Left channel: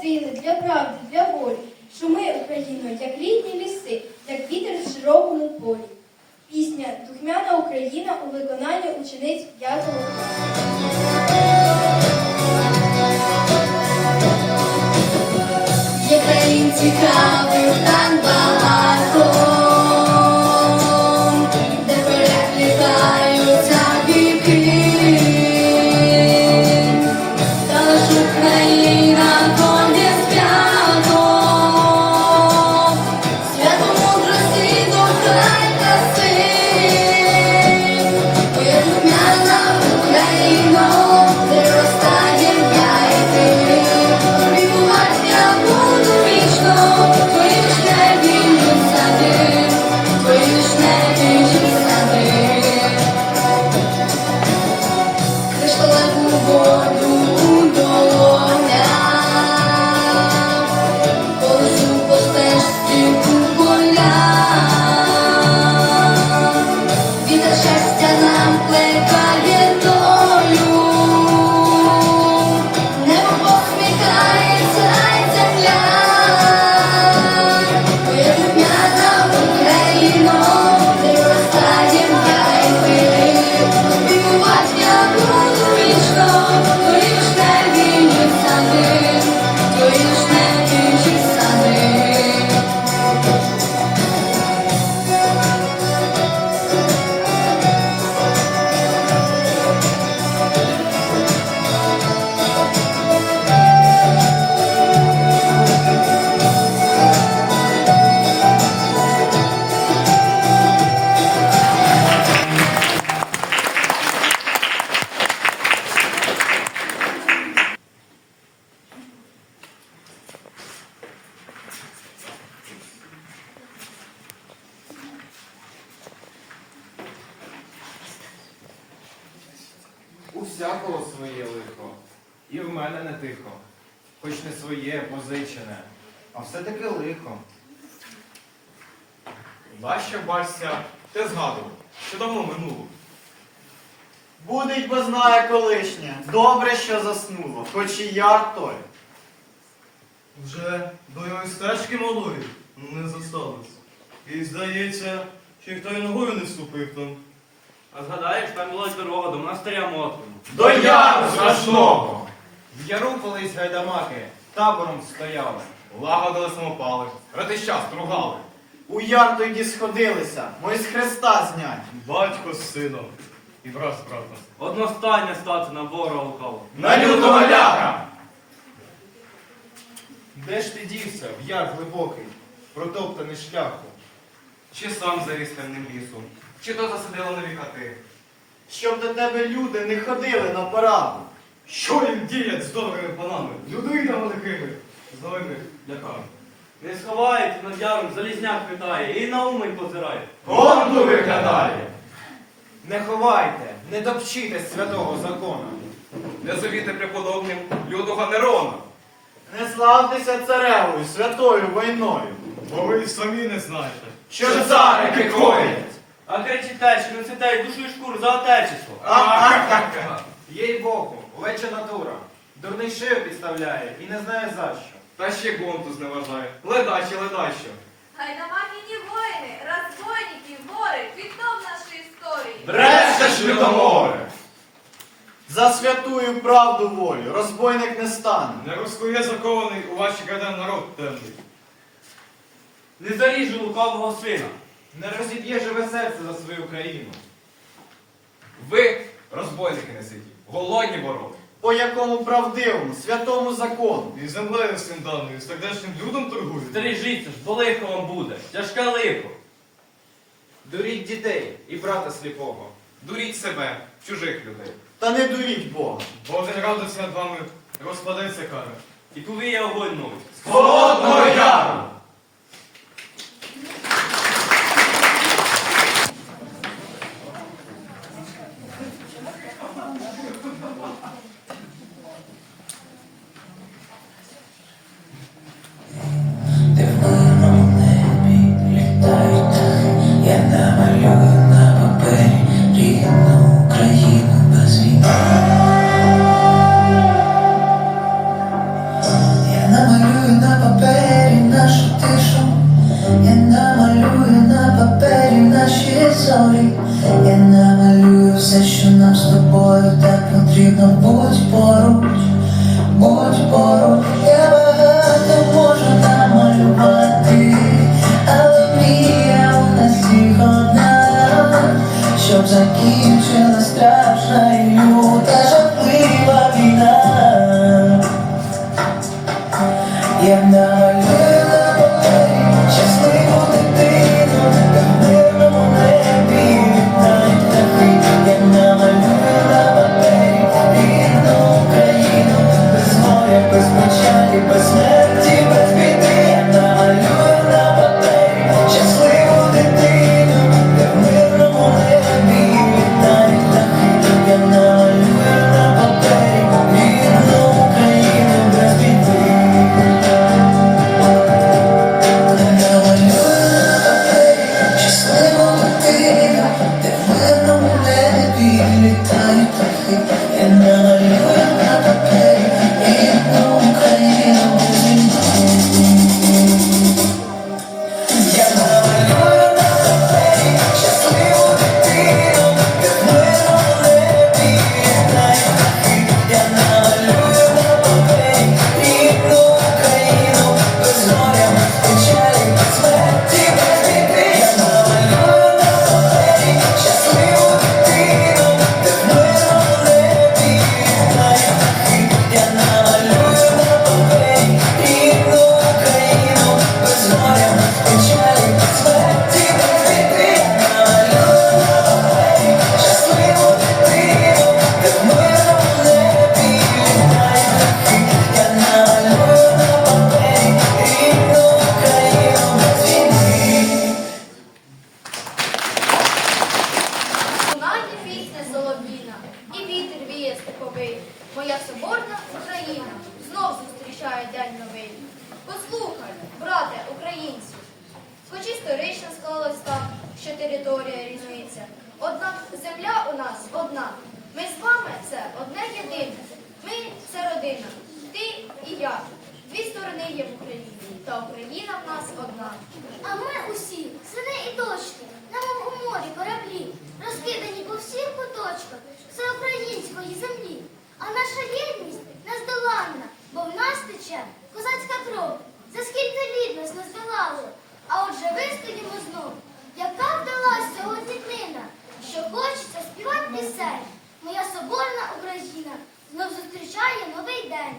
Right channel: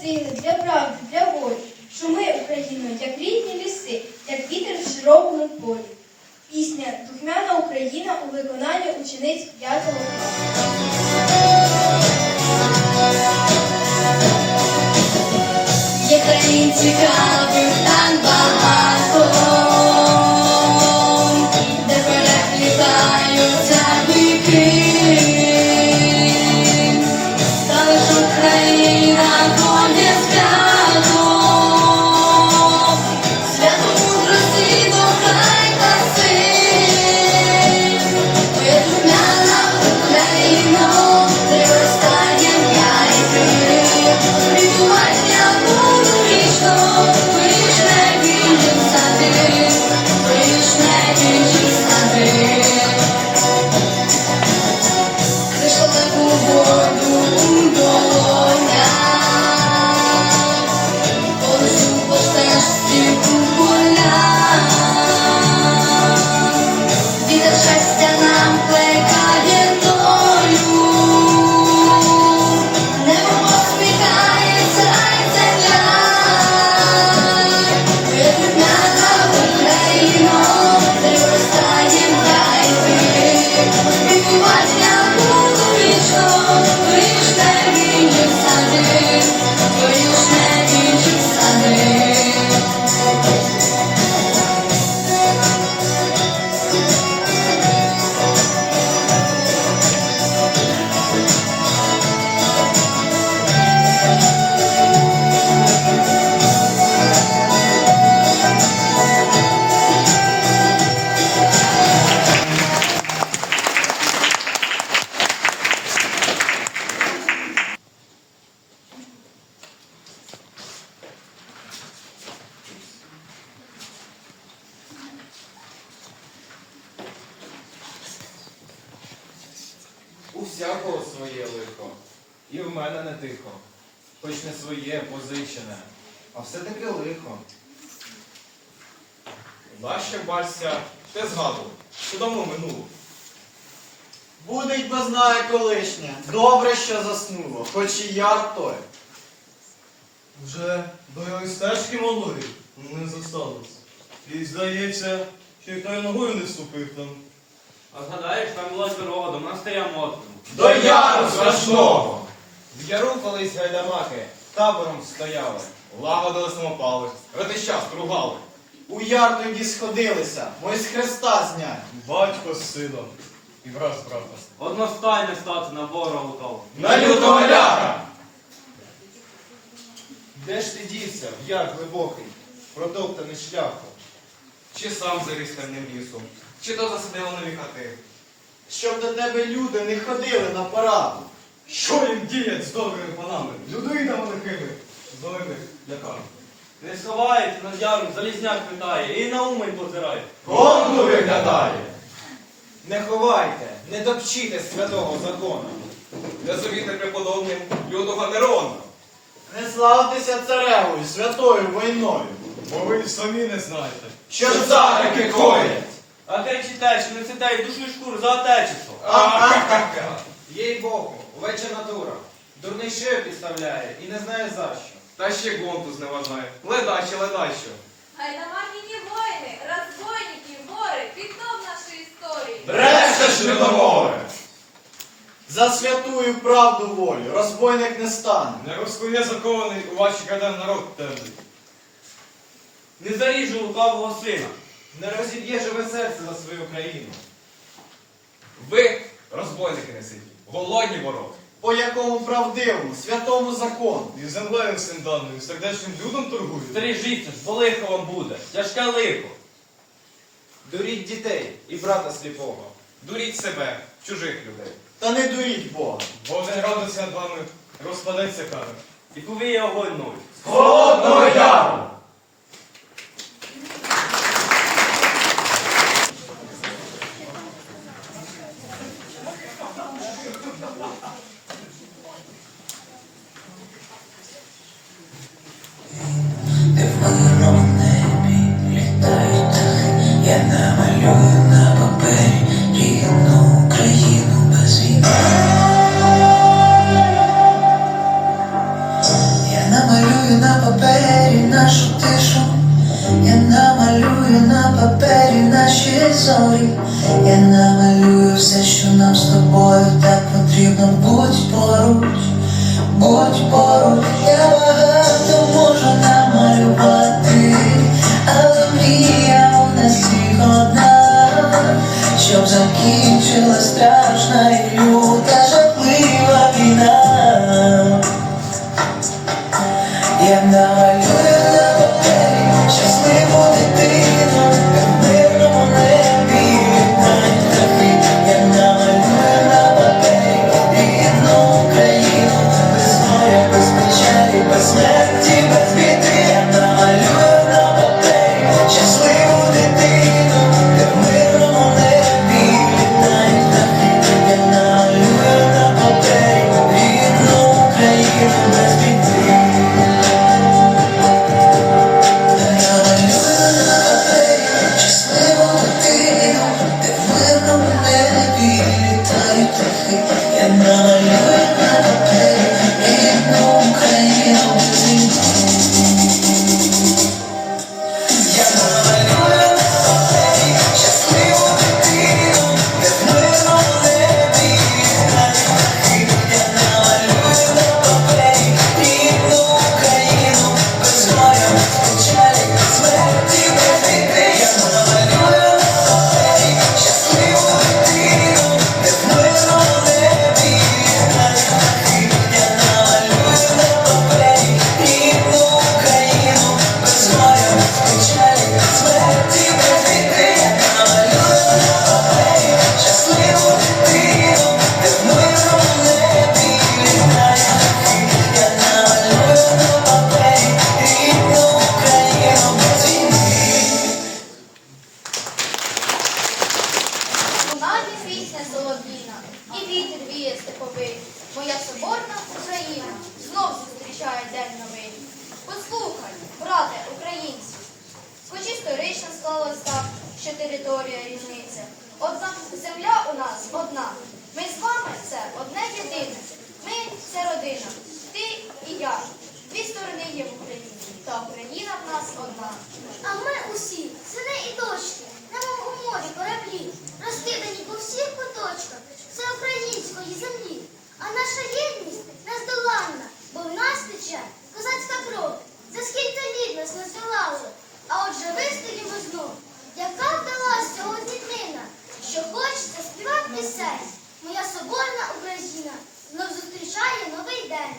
сили, для правди, для волі. Шуми Україно, як рідні ліси, як вітер в широкому полі. Пісня Духмяна Україна у виконанні учениць 5 класу. Є країн Нащо бачся, те згадував, що давно минуло. Будить бо знає колишнє, добре, що заснуло, хоч і як той. Вже до його стежки малої не зосталось. І здається, що й той ногою не вступив там. А згадаєш, там була дорога до монастиря Мотрину. До яру страшного! В яру колись гайдамаки табором стояли. Лагодили самопали, ратища стругали. У яр тоді сходилися, мої з хреста знять. Батько з сином і брат з. Одностайне стати на ворога лукавого. На лютого ляха! Де ж ти дівся, в яр глибокий, протоптаний шляхом? Чи сам заріс темним лісом, чи то засадило нові хати. Щоб до тебе люди не ходили на параду. Що їм діять з добрими панами? Людоїдами лихими, зойми ляками. Не сховається над яром, залізняк питає, і на умень позирає. Гонду виглядає! Не ховайте, не допчите святого закону. Не завіте преподобним лютого Нерона. Не славтеся царевою, святою війною. Бо ви й самі не знаєте. Що Що царики коять? А кричите, що не цитають душу і шкуру за отечество. Ахахаха! Їй Богу, овеча натура. Дурний шию підставляє і не знає за що. Та ще гонту зневажає. Ледаще, ледащо. Гайдамакині воїни, розбойники, вори, вікном нашої історії. Брешеш, людоморе! За святую правду волю, розбойник не стане. Не розкує закований у ваші крадем народ темний. Не заріжу лукавого сина. Не розіб'є живе серце за свою країну. Ви, розбойники неситі, голодні вороги. По якому правдивому, святому закону. І землею всім даною, сердечним людом торгують. Стережіться ж, бо лихо вам буде. Тяжке лихо. Дуріть дітей і брата сліпого. Дуріть себе, чужих людей. Та не дуріть Бога. Божий радиться над вами, розпадеться кара. І повіє огонь новий. Холодного яру! закінчила страшна і люта жахлива війна. Я навіть єдність нездоланна, бо в нас тече козацька кров. За скільки літ нас не а отже вистоїмо знов. Яка вдалась сьогодні днина, що хочеться співати пісень. Моя соборна Україна знов зустрічає новий день.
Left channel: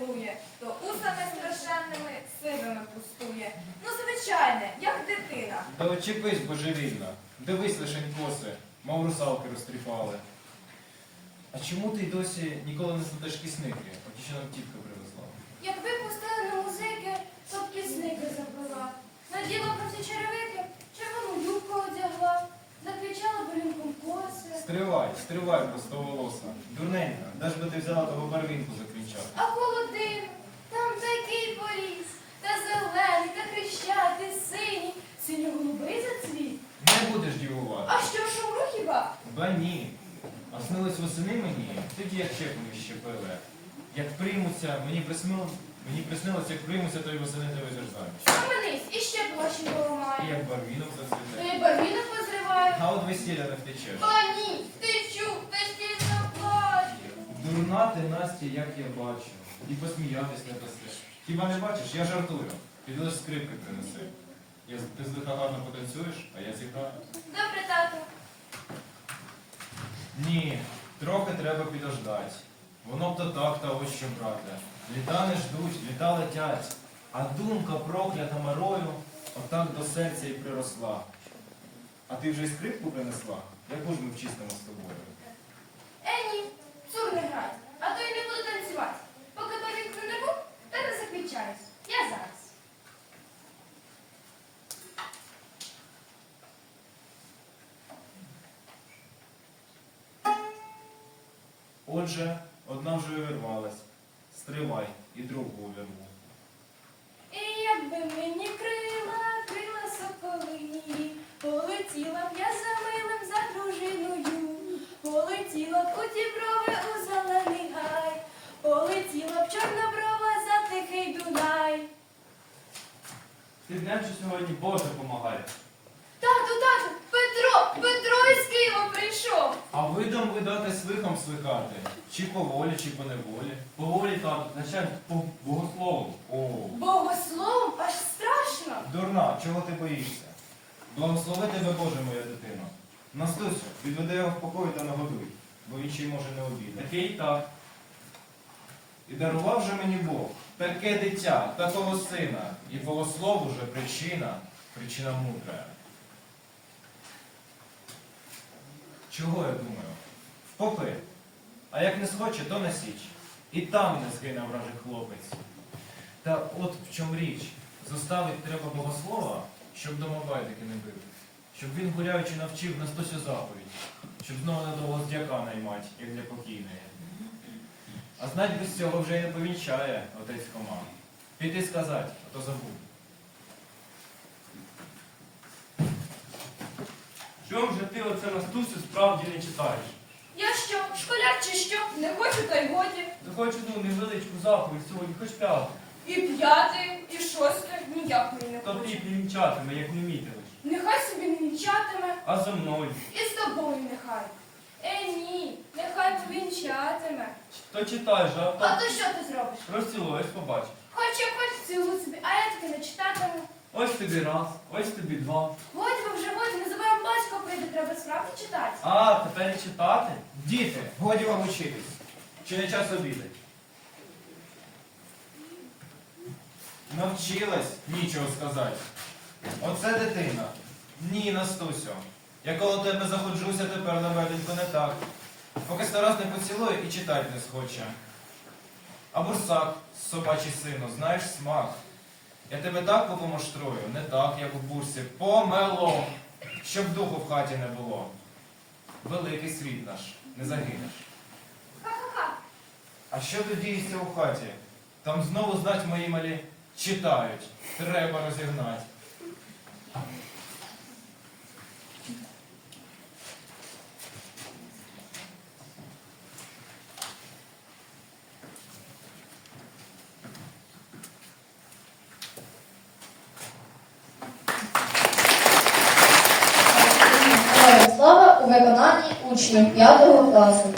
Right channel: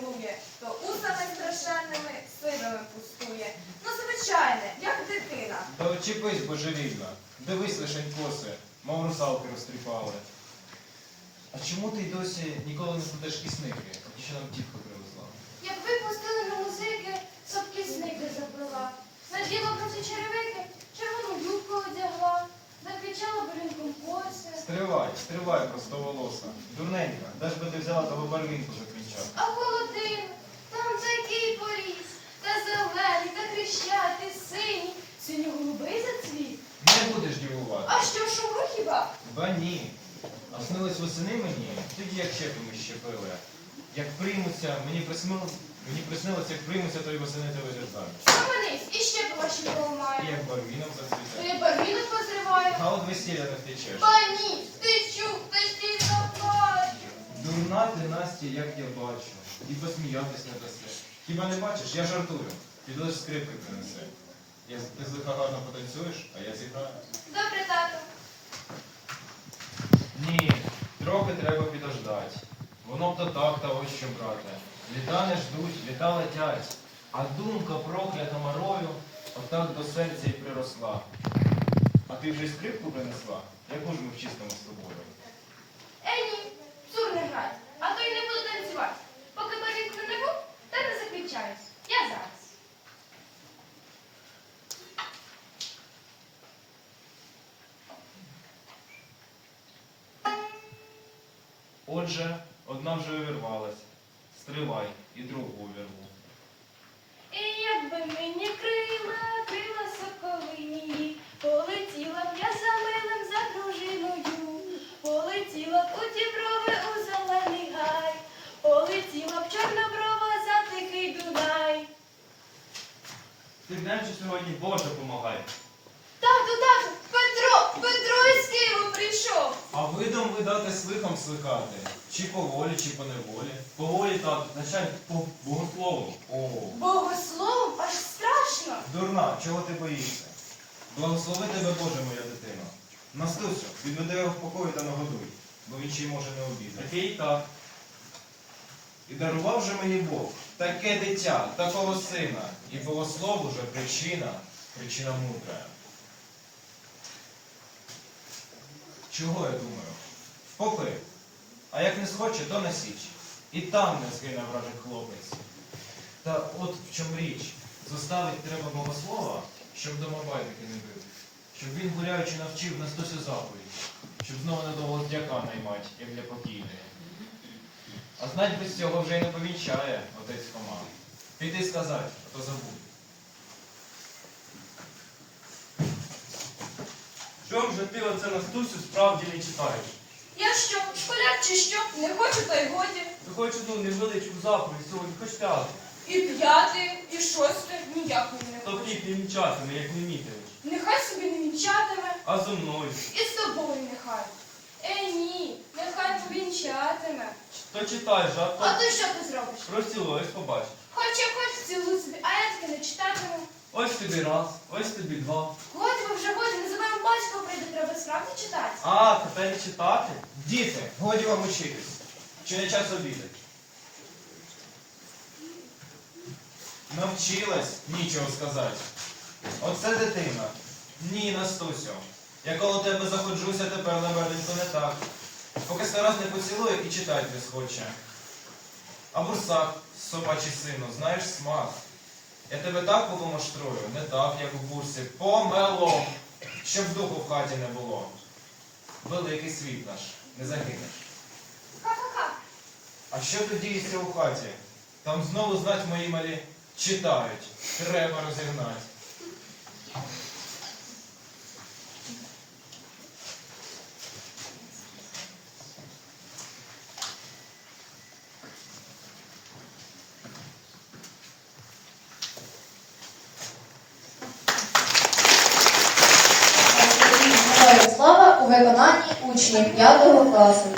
Руку то усами страшенними сивими пустує. Ну, звичайне, як дитина. Та очіпись, божевільна. Дивись лишень коси, мов русалки розтріпали. А чому ти й досі ніколи не складеш кисники, а ті, що нам тітка привезла? Якби пустили на музики, то б пісники запила. Наділа про ці черевики, червону юбку одягла, закричала болінком коси. Стривай, стривай, простоволоса. Дурненька, де ж би ти взяла того барвінку закричати? А холодильник, там такий поріс, та зелений, та хрещатий, синій, синьо-голубий зацвіт. Не будеш дівувати. А що, шумру хіба? Ба ні. А снились восени мені, тоді як щепами щепили. Як приймуться, мені приснило, мені приснилося, як приймуться, то й восени тебе дерзають. Схаменись, і ще б ваші І як барвінок зацвіте. Ти барвінок позриваю. А от весілля не втечеш. Ба ні, ти заплачу. Дурна ти, Настя, як я бачу. І посміятись не даси. Хіба не бачиш? Я жартую. Лиш скрипки принеси. Я, ти з лиха гарно потанцюєш, а я зіграю. Добре, тато. Ні, трохи треба підождать. Воно б то так та ось що брате. Літа не ждуть, літа летять, а думка проклята марою отак до серця й приросла. А ти вже й скрипку принесла? Яку ж ми вчистимо з тобою? Е, ні, цур не грай, а то й не буду танцювати. Поки барвінку не був, та не закінчаюсь. Я зараз. Отже, одна вже вирвалась. Стривай і другу увірву. І якби мені крила, крила соколині, полетіла б я за милим за дружиною, полетіла б у діброви у зелений гай, полетіла б чорноброва за тихий Дунай. Ти знаєш, що сьогодні Боже помагай. Тату, тату, Петро, Петро із Києва прийшов. А видом видати свихом свикати. Чи по волі, чи по неволі. По волі тату, значай по богослову. О, Богословом аж страшно. дурна, чого ти боїшся? Благослови тебе, Боже, моя дитино. Настусю, відведи його в покою та нагодуй, бо він ще й може не обідати. Такий так. І дарував же мені Бог таке дитя, такого сина, і богослов уже причина, причина мудра. Чого я думаю? Впопи. А як не схоче, то на січ. І там не згине вражий хлопець. Та от в чому річ. Заставить треба богослова, щоб домобайники не бив. Щоб він гуляючи навчив Настусю заповідь, щоб знову недовго з дяка наймать, як для покійної. А знать без цього вже й не повінчає отець Хома. Піти сказати, а то забув. Чом же ти оце Настусю справді не читаєш? Я що, школяр чи що? Не хочу, та й годі. Ти хоч одну невеличку заповідь сьогодні, хоч п'яту. І п'яте, і шосте ніякої не То хочу. хліб не вінчатиме, як не мітили. Нехай собі не вінчатиме, А зо мною. і з тобою нехай. Е, ні, нехай повінчатиме. То читай же, а А то то що ти зробиш? розцілуєш, побачиш. Хоч як хоч цілу собі, а я таки не читатиму. Ось тобі раз, ось тобі два. Годі ви вже годі, незабаром батько прийде, треба справді читати. А, тепер і читати? Діти, годі вам учитись. Чи не час обідати? Навчилась, нічого сказати. Оце дитина. Ні, Настусю. Я коло тебе заходжуся тепер на веденько не так. Поки старос не поцілує і читать не схоче. А бурсак, собачий сину, знаєш смак. Я тебе так помаштрую, не так, як у бурсі, помело, щоб духу в хаті не було. Великий світ наш, не загинеш. Ха-ха-ха. А що тут діється у хаті? Там знову знать мої малі читають. Треба розігнати. виконанні учнів 5 класу.